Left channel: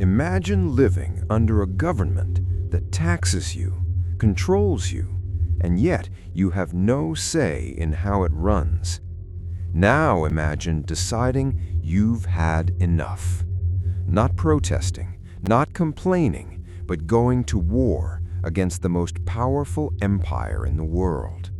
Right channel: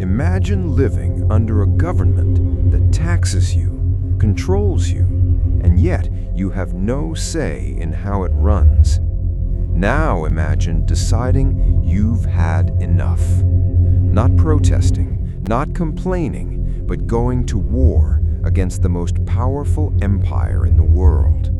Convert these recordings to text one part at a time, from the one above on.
Imagine living under a government that taxes you, controls you, and yet you have no say in how it runs. Now imagine deciding you've had enough. Not protesting, not complaining, but going to war against the most powerful empire in the world.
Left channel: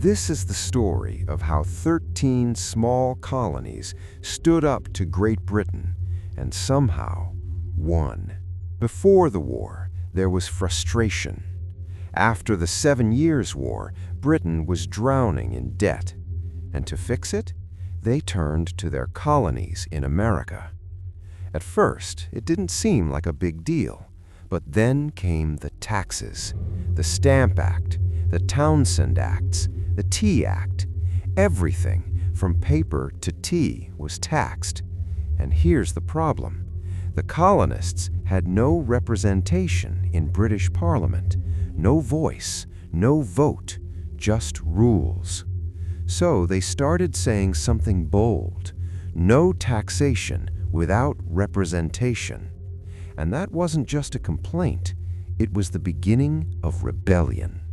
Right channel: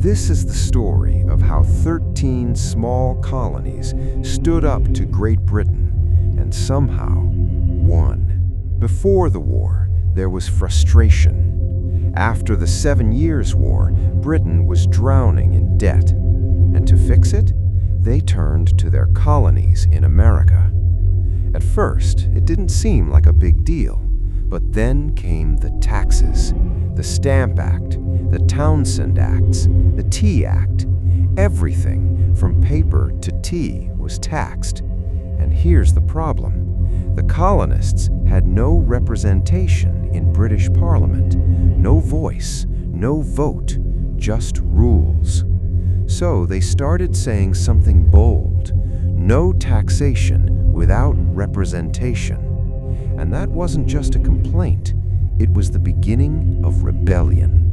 This is the story of how 13 small colonies stood up to Great Britain and somehow won. Before the war, there was frustration. After the 7 Years' War, Britain was drowning in debt. And to fix it, they turned to their colonies in America. At first, it didn't seem like a big deal, but then came the taxes, the Stamp Act, the Townshend Acts, the Tea Act. Everything from paper to tea was taxed. And here's the problem. The colonists had no representation in British Parliament, no voice, no vote, just rules. So they started saying something bold: no taxation without representation. And that wasn't just a complaint, it was the beginning of rebellion.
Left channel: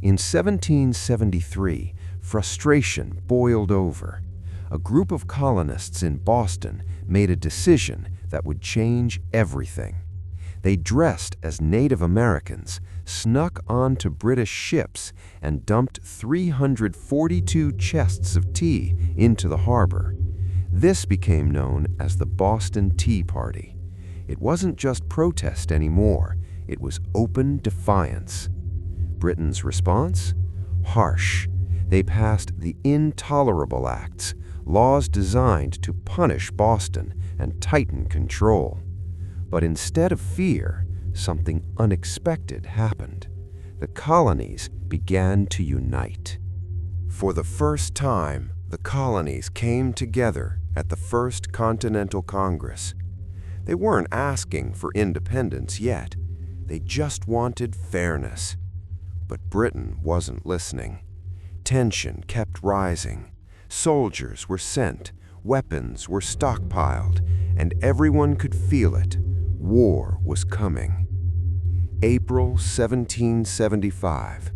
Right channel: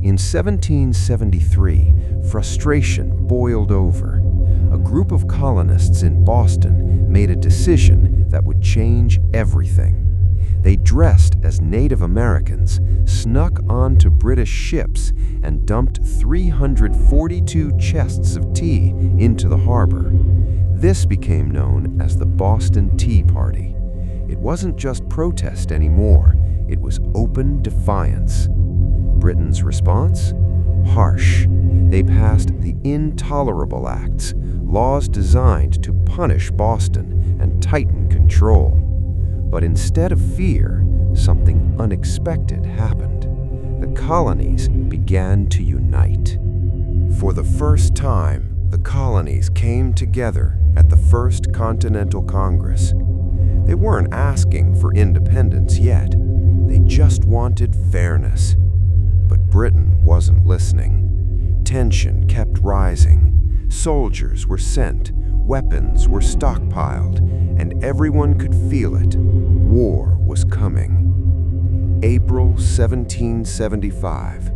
In 1773, frustration boiled over. A group of colonists in Boston made a decision that would change everything. They dressed as Native Americans, snuck onto British ships, and dumped 342 chests of tea into the harbor. This became known as the Boston Tea Party. It wasn't just protest anymore, it was open defiance. Britain's response? Harsh. They passed the Intolerable Acts, laws designed to punish Boston and tighten control. But instead of fear, something unexpected happened. The colonies began to unite. For the first time, the colonies came together at the First Continental Congress. They weren't asking for independence yet. They just wanted fairness. But Britain wasn't listening. Tension kept rising. Soldiers were sent, weapons were stockpiled, and everyone could feel it. War was coming. April 1775.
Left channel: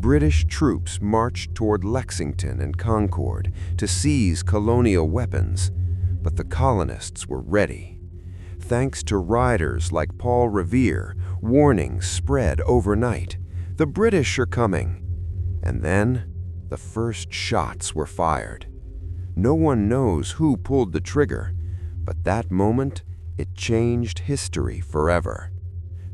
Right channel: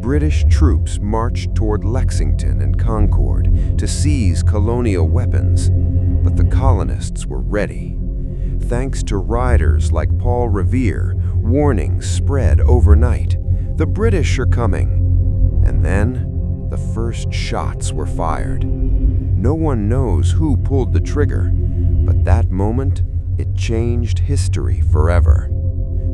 British troops marched toward Lexington and Concord to seize colonial weapons, but the colonists were ready. Thanks to writers like Paul Revere, warnings spread overnight. The British are coming. And then, the first shots were fired. No one knows who pulled the trigger, but that moment, it changed history forever.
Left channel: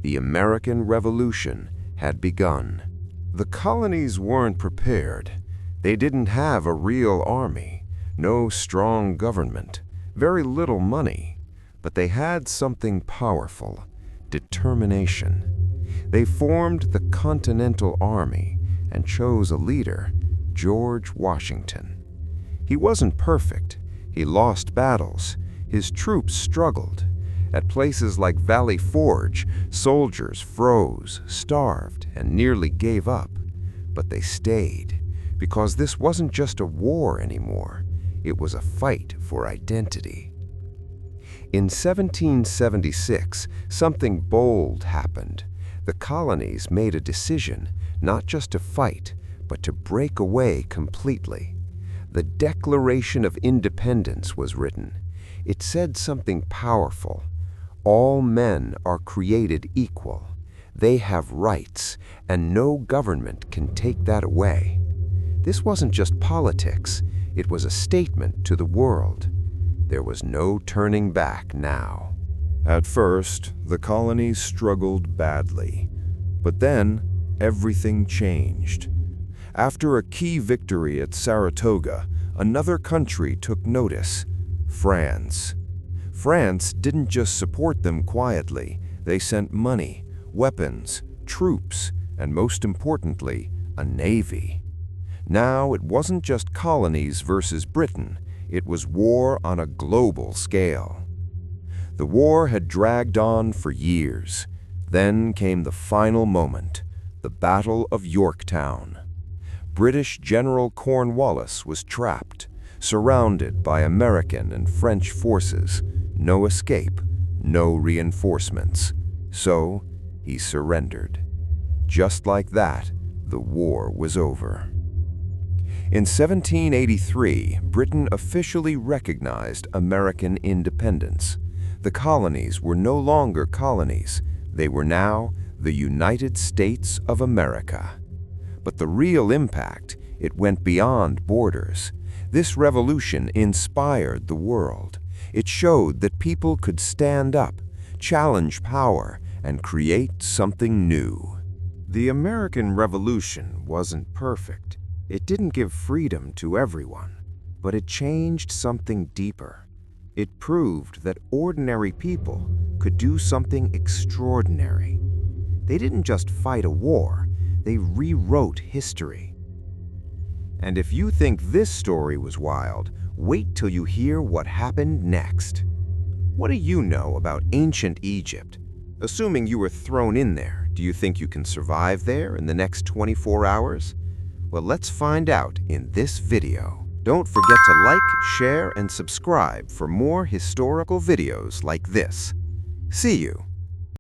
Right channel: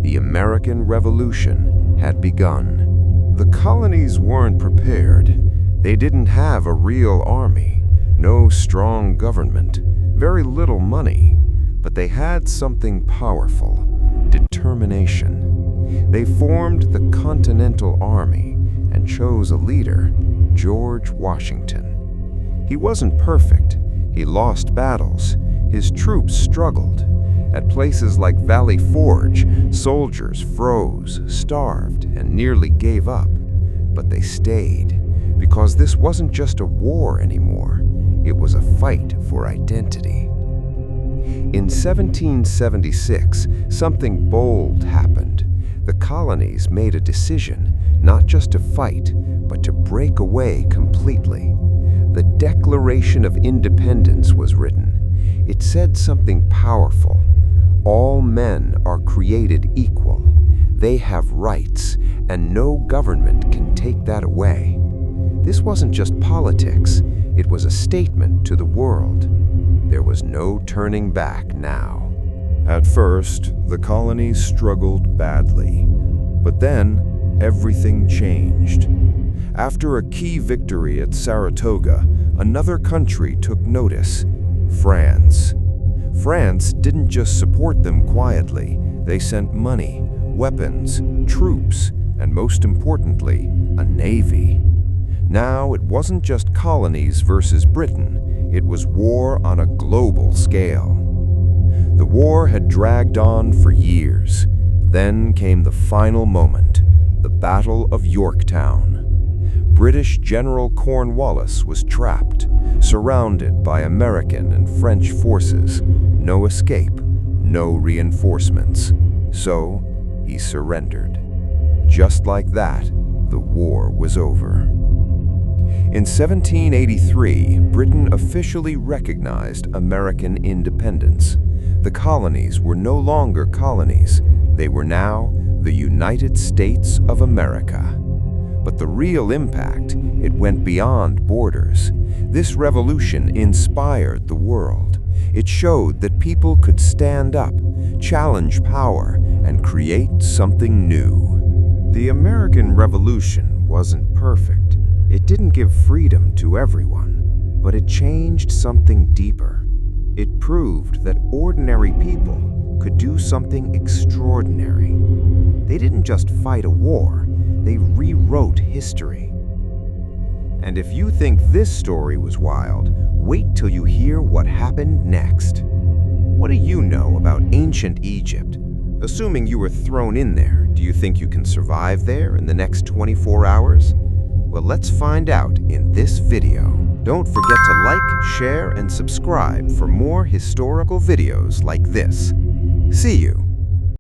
The American Revolution had begun. The colonies weren't prepared. They didn't have a real army, no strong government, very little money. But they had something powerful: determination. They formed the Continental Army and chose a leader, George Washington. He wasn't perfect. He lost battles. His troops struggled. At places like Valley Forge, soldiers froze, starved, and nearly gave up. But they stayed, because this wasn't just a war anymore. It was a fight for identity. In 1776, something bold happened. The colonies made a decision, not just to fight, but to break away completely. The Declaration of Independence was written. It said something powerful. All men are created equal. They have rights, and no government can take that away. This wasn't just politics. It was a statement to the world. There was no turning back now. At first, the colonies struggled badly. But then, everything changed. After a key victory at Saratoga, another country took notice: France. France didn't just support them quietly. They sent money, weapons, troops, and most importantly, a navy. Now, it wasn't just colonies versus Britain. It was war on a global scale. The war had dragged on for years. Then came the final moment, the Battle of Yorktown. British General Cornwallis was trapped, surrounded by American and French forces. No escape, no reinforcements. So he surrendered. Just like that, the war was over. In 1783, Britain officially recognized American independence. The colonies were no longer colonies. They were now the United States of America. But the real impact, it went beyond borders. This revolution inspired the world. It showed that people could stand up, challenge power, and create something new. The American Revolution wasn't perfect. It didn't give freedom to everyone, but it changed something deeper. It proved that ordinary people could do something extraordinary. They didn't just fight a war, they rewrote history. And if you think this story was wild, wait till you hear what happened next. What do you know about ancient Egypt? Assuming you were thrown in there, do you think you can survive there in the next 24 hours? Well, let's find out in this video. Don't forget to like, share, and subscribe for more historical videos like this. See you